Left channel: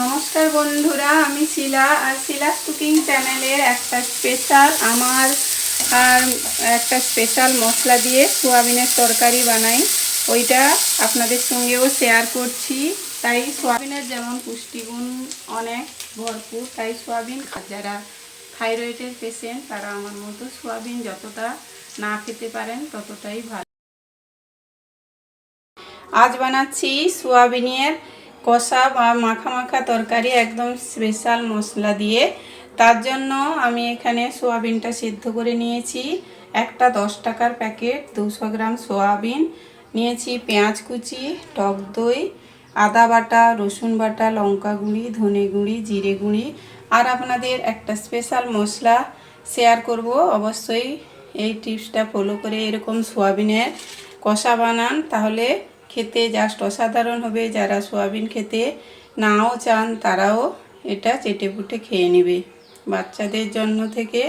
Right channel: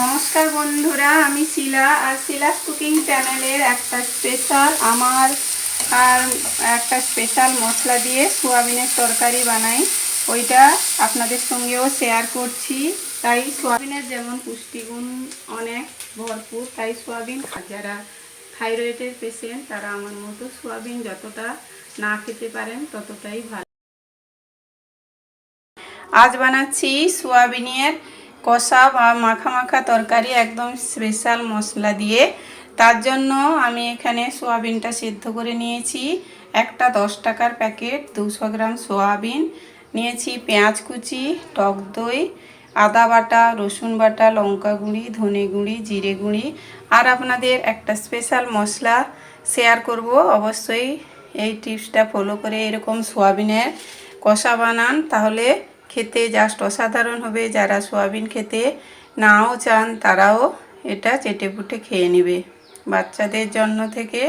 নমস্কার বন্ধুরা, আমি শিলা আর শিলাস কুকিং চ্যানেলের একটা স্পেশাল আমার আর একটা স্পেশাল মশলা দিয়ে সোয়াবিনের তরকারি বানাই। ওইটা আপনাদের সঙ্গেও শেয়ার করছি। তাই সোয়াবিনের যেমন পুষ্টিগুণ অনেক ভরপুর, তাই সোয়াবিন যারা থাইরয়েডের পেশেন্ট তারা আমার মতো সোয়াবিন যতটা না খেতে পারেন, ততটাই ভালো। আজ বানাচ্ছি সোয়াবিনের কষা বা মাখা মাখা তরকারি একদম স্পেশাল মশলা দিয়ে। তার জন্য আমি এখানে সোয়াবিনটা সিদ্ধ করে নিয়েছি। একটা দশ টাকার প্যাকেট দুশো গ্রাম সোয়াবিন। নিয়েছি পেঁয়াজ কুচি, টক দই, আদা বাটা, রসুন বাটা, লঙ্কা গুঁড়ি, ধনে গুঁড়ি, জিরে গুঁড়ি। আর আপনাদের একটা স্পেশাল মশলা শেয়ার করব। অবশ্যই এই টিপসটা ফলো করে এরকম সোয়াবিনের কষা বানান। তাহলে খেতে জাস্ট অসাধারণ হবে। যারা সোয়াবিন খেতে নাও চান, তারাও এটা চেটে পুটে খেয়ে নেবে। বাচ্চাদের জন্য থেকে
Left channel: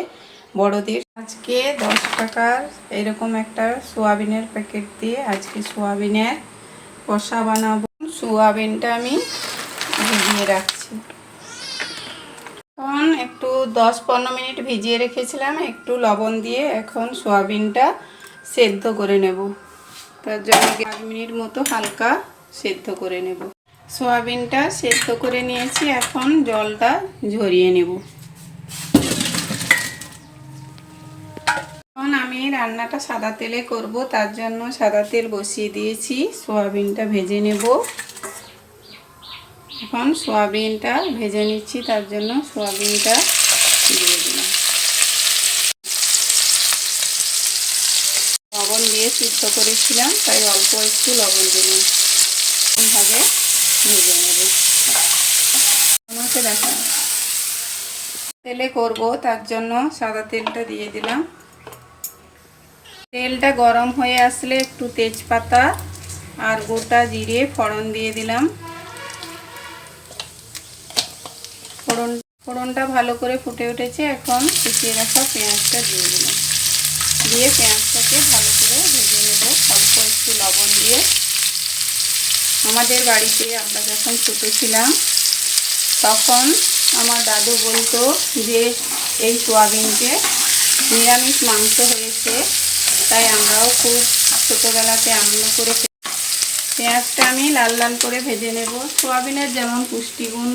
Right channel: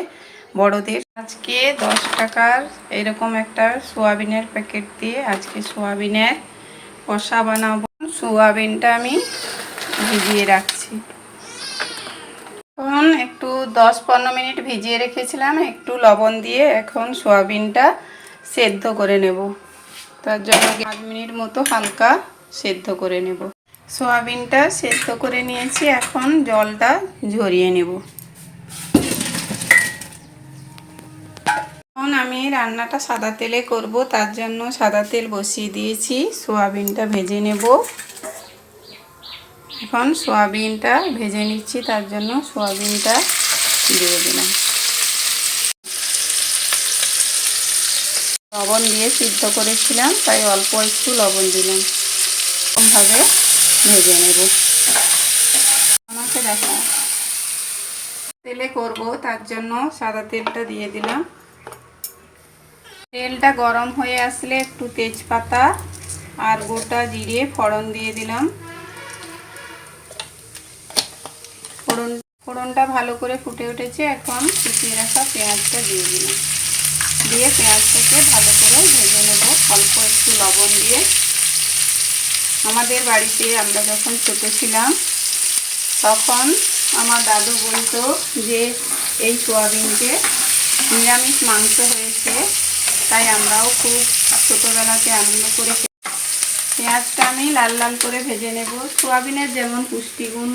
বড়দের। আজকে দশ টাকার এরকম একটা সোয়াবিনের প্যাকেট দিয়ে আজকে সোয়াবিনের কষা বানাবো। সোয়াবিনটা আমি ভিজিয়ে রাখছি। এখন একটু দশ পনেরো মিনিট ভিজিয়ে রেখেছিলাম, একটু লবণ দিয়ে এখন সোয়াবিনটা সেদ্ধ করে নেব। তার জন্য পাঁচ মিনিট মতো হালকা সেদ্ধ করে নেব। সোয়াবিনটা সেদ্ধ করে নিয়েছি, এখন জলটা ঝরিয়ে নেব। এখন আমি রান্নাটা সাদা তেলে করব, তার জন্য সাদা তেল বসিয়ে দিয়েছি, সোয়াবিনটা ভেজে নেব। এখন সোয়াবিনটা ভেজে নিচ্ছি, তার জন্য সোয়াবিনটা দিয়ে দিলাম। লবণ দিয়ে সিদ্ধ করেছিলাম, তাই অল্প একটু লবণ দিলাম। এরকমভাবে ভেজে নেব। আমাকে দেখা। তেলে করব, তার জন্য সাদা তেলটা দিয়ে দিলাম। তেলটা গরম হয়ে আসলে একটু তেজপাতা আর গোটা জিরে ফোড়ন দিয়ে দিলাম। ফোড়ন, ফোড়নটা ভালো করে ফুটে উঠেছে, এখন কুচিয়ে রাখা পেঁয়াজটা দিয়ে দিলাম। দিয়ে পেঁয়াজটাকে ভালো করে ভেজে নেব। অল্প একটু লবণ দিয়ে। আমাদের বাড়িতে আমরা যখন ছোটো ছিলাম, তখন আমার দাদু বলতো যে, এই সোয়াবিনকে নিরামিষ মাংস হয়েছে, তাই আমরাও খুব ছোটোবেলাতে আনন্দ করে পেঁয়াজটা আমি লাল লাল করে ভেজে নেব। সোয়াবিনের যেমন পুষ্টিগুণ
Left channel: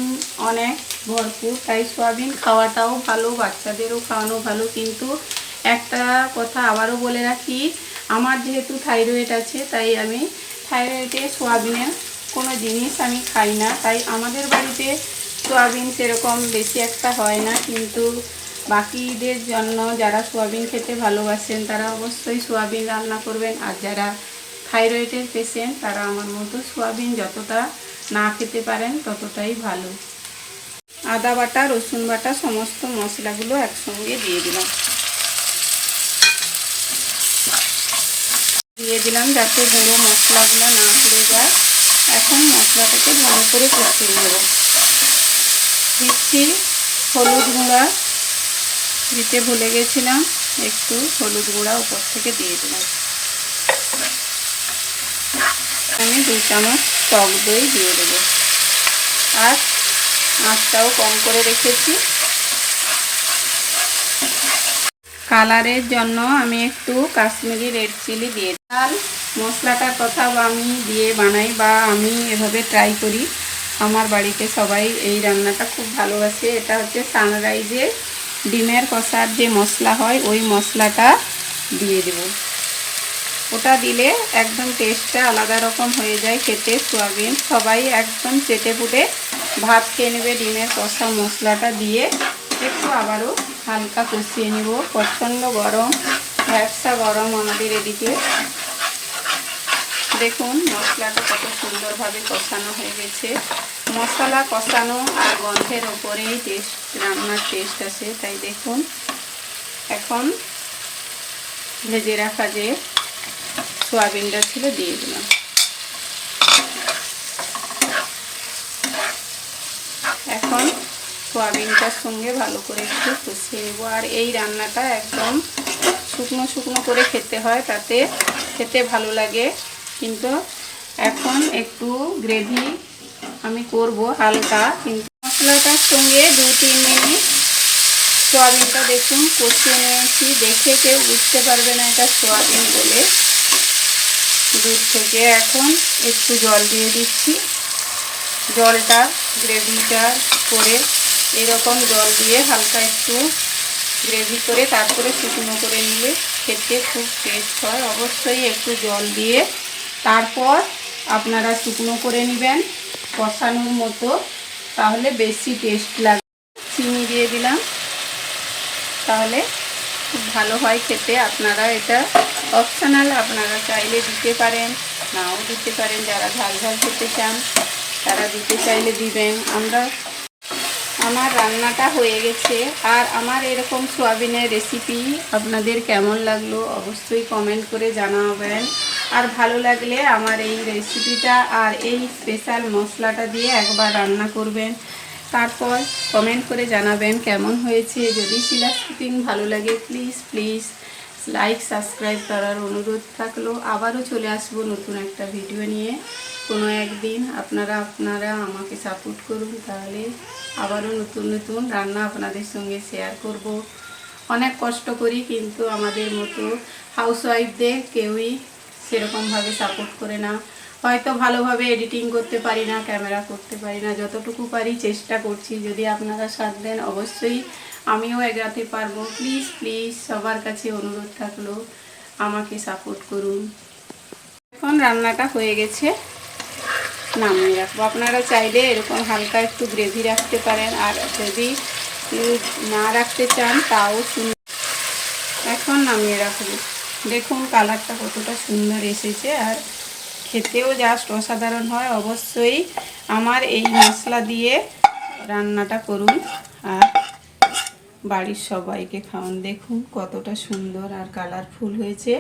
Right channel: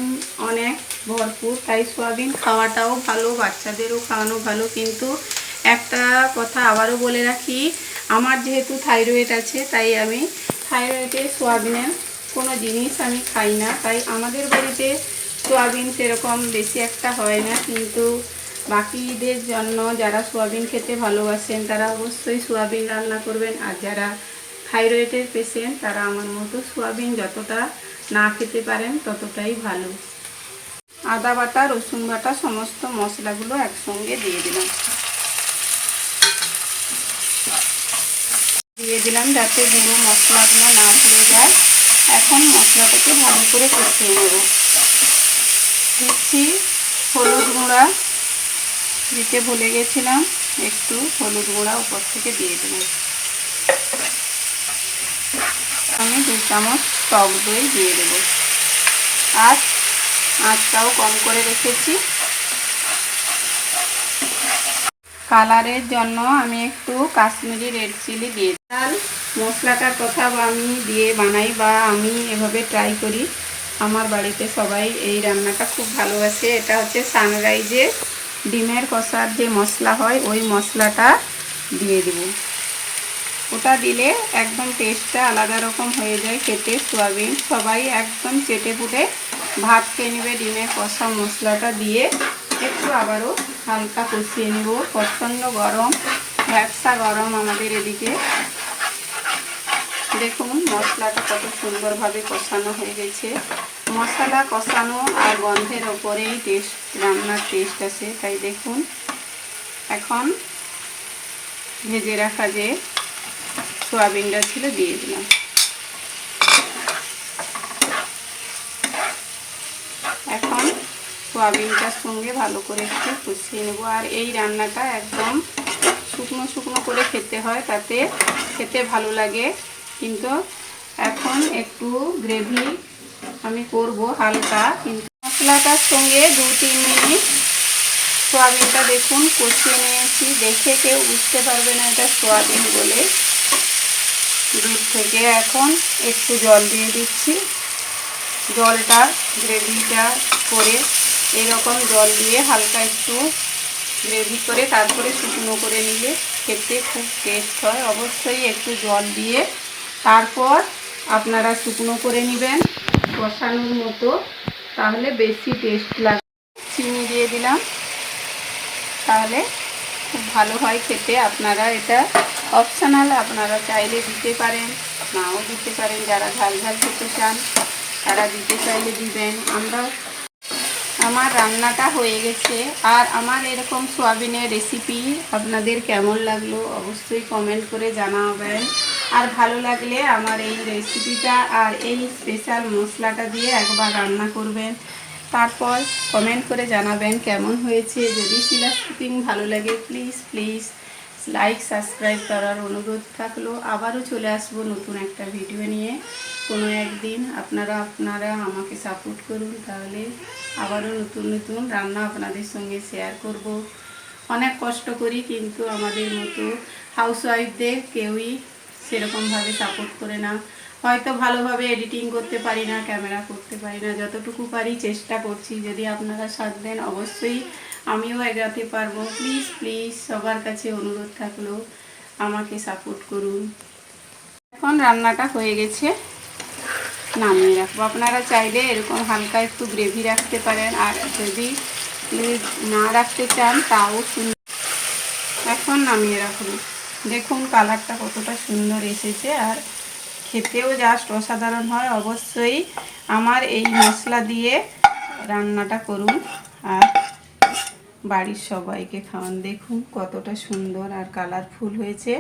অনেক ভরপুর, তাই সোয়াবিন খাওয়াটাও ভালো, বাচ্চাদেরও খাওয়ানো ভালো, কিন্তু একটা কথা আবারও বলে রাখি, আমার যেহেতু থাইরয়েড আছে, তাই আমি থাইরয়েডে সোয়াবিনের কোনো জিনিস আমি খাই না। তাই আমাদের বাড়িতে সোয়াবিন সেরকম বেশি একটা হয় না, কিন্তু বাকিদের জন্য যারা সোয়াবিন খেতে ভালোবাসেন, তারা অবশ্যই সোয়াবিন রান্না করবেন। আর যারা থাইরয়েডের পেশেন্ট, তারা আমার মতো সোয়াবিন যতটা না খেতে পারেন, ততটাই ভালো। আদা বাটা, রসুন বাটা, সমস্ত মশলাগুলো একসঙ্গে দিয়ে দিলাম। দিয়ে দিলাম যাতে গুঁড়ো মশলাগুলো না পুড়ে যায়। এখন মশলাটাকে ভালো করে কষিয়ে নেব। দিচ্ছি হলুদ গুঁড়া। দিতে ভুলে গেছিলাম, একটু হলুদ গুঁড়া উপর থেকে দিয়ে দিলাম। আমি দু চামচ টক দই দিয়ে দেবো। আর আঁচটাও কম করে রেখেছি। কালারের জন্য আমি একটু কাশ্মীরি রেড চিলি দিয়ে ডাল, মশলাটার কথা আমি দিয়ে বানাই বা আমি এভাবে ট্রাই করি। আমার বাড়িতে সবাই এই রান্নাটা খুব ভালোবাসে। এটা হচ্ছে সানরাইজের ডিমের কষার যে মশলা হয়, ওই মশলাটা দিয়ে দেব। ওটা দিলে একদম টেস্টটা আলাদা রকম হয়ে যায়, খেতে সোয়াবিন। সবাই একদম চেটে পুটে ভাত খেয়ে নেবে, ডিমের কষা মশলাটা দিয়ে। একটু আবারও হালকা কষিয়ে নেব। প্রচণ্ড গরম ব্যবসা গরম আমাদের এদিকে। দেখুন, মশলাটা কত সুন্দরভাবে কষানো হয়ে গেছে। মশলা কষানো আর গন্ধের ওপরেই টেস্ট, রান্নার টেস্ট আছে, তাই দেখুন। এখন ভেজে রাখা যে সোয়াবিনটা ছিল, দিয়ে দিলাম। এখন সোয়াবিনটার সঙ্গে ভালো করে একটু কষিয়ে নেব। আর এই রান্নাটা একদম শুকনো শুকনো করে খেতে হয়, তাতে খেতে ভালো লাগে। কিন্তু এখন একটু গ্রেভি আমি করব হালকা। কিন্তু মশলাটার সঙ্গে দু, তিন মিনিট সোয়াবিনটা দেখুন কষিয়ে নিয়েছি। দেখে কেউ বুঝতে পারবে না এটা সোয়াবিন বলে। দুধ থেকে এখন একটু জল দিয়ে দিচ্ছি। জলটা গ্রেভিটা করে এরকম জল দিয়ে হালকা একটু গ্রেভি করে তারপরে শুকনো করে নিলে খেতে খুব টেস্ট হয়। অবশ্যই একটু জল দিয়ে তারপর আপনারা শুকনো করে নেবেন কষানোর মতো। তাহলে বেশি টেস্ট লাগবে। চিনি দিয়ে দিলাম। তাহলে খুব ভালো হয় খেতে। আপনারা এটা অপশনাল আপনারা চাইলে দিতে পারেন, নাও দিতে পারেন। যারা ঝাল ঝাল খেতে চান, তারা দিতে চাইলে দিবেন। আমরা, আমার রান্নাটা হয়ে গেছে। আর আমার এরকম সোয়াবিনের রেসিপি আপনাদের কেমন লাগল অবশ্যই কমেন্ট করে জানাবেন। আর ভালো লাগলে আমার এই রেসিপিটা আর এই স্পেশাল মশলাটা দিয়ে একবার রান্না করবেন। তারপর কমেন্ট করে জানাবেন কেমন হয়েছে। যদি শিলা কুকিং ভালো লাগে প্লিজ প্লিজ লাইক সাবস্ক্রাইব করার অনুরোধ থাকল। আবারও চলে আসব নতুন একটা ভিডিও নিয়ে। কোনো একদিন আপনারা আপনারা আমাকে সাপোর্ট করুন, তাহলে আবারও নতুন নতুন রান্না আপনাদের সঙ্গে শেয়ার করব। অনেক কষ্ট করি, কিন্তু আমাদের মতো হাউসওয়াইফদের কেউই সেরকমভাবে সাপোর্ট করে না। হয়তো ভালোভাবে এডিটিং করতে পারি না ক্যামেরা করতে পারি না। যতটুকু পারি চেষ্টা করছি। যদি আপনারা সাথ দেন, অবশ্যই আমিও এগাতে পারব। প্লিজ প্লিজ সবার কাছে অনুরোধ থাকল, আমাকে সাপোর্ট করুন। এখন রান্নাটা হয়ে গেছে, নামিয়ে রাখব। আপনারা চাইলে এরকম হালকা একটু গ্রেভি রাখতে পারেন। আর যদি না রাখতে চান, তাও এখন নামিয়ে রাখব। দেখুন কালারটা কতটা সুন্দর এসেছে আর খেতেও জাস্ট অসাধারণ হয়। অবশ্যই আমার এই মশলা দিয়ে রান্নাটা করুন আর বাড়ির সবাইকে খাওয়ান। দেখুন কতটা সুন্দর আর কালারফুল হয়েছে।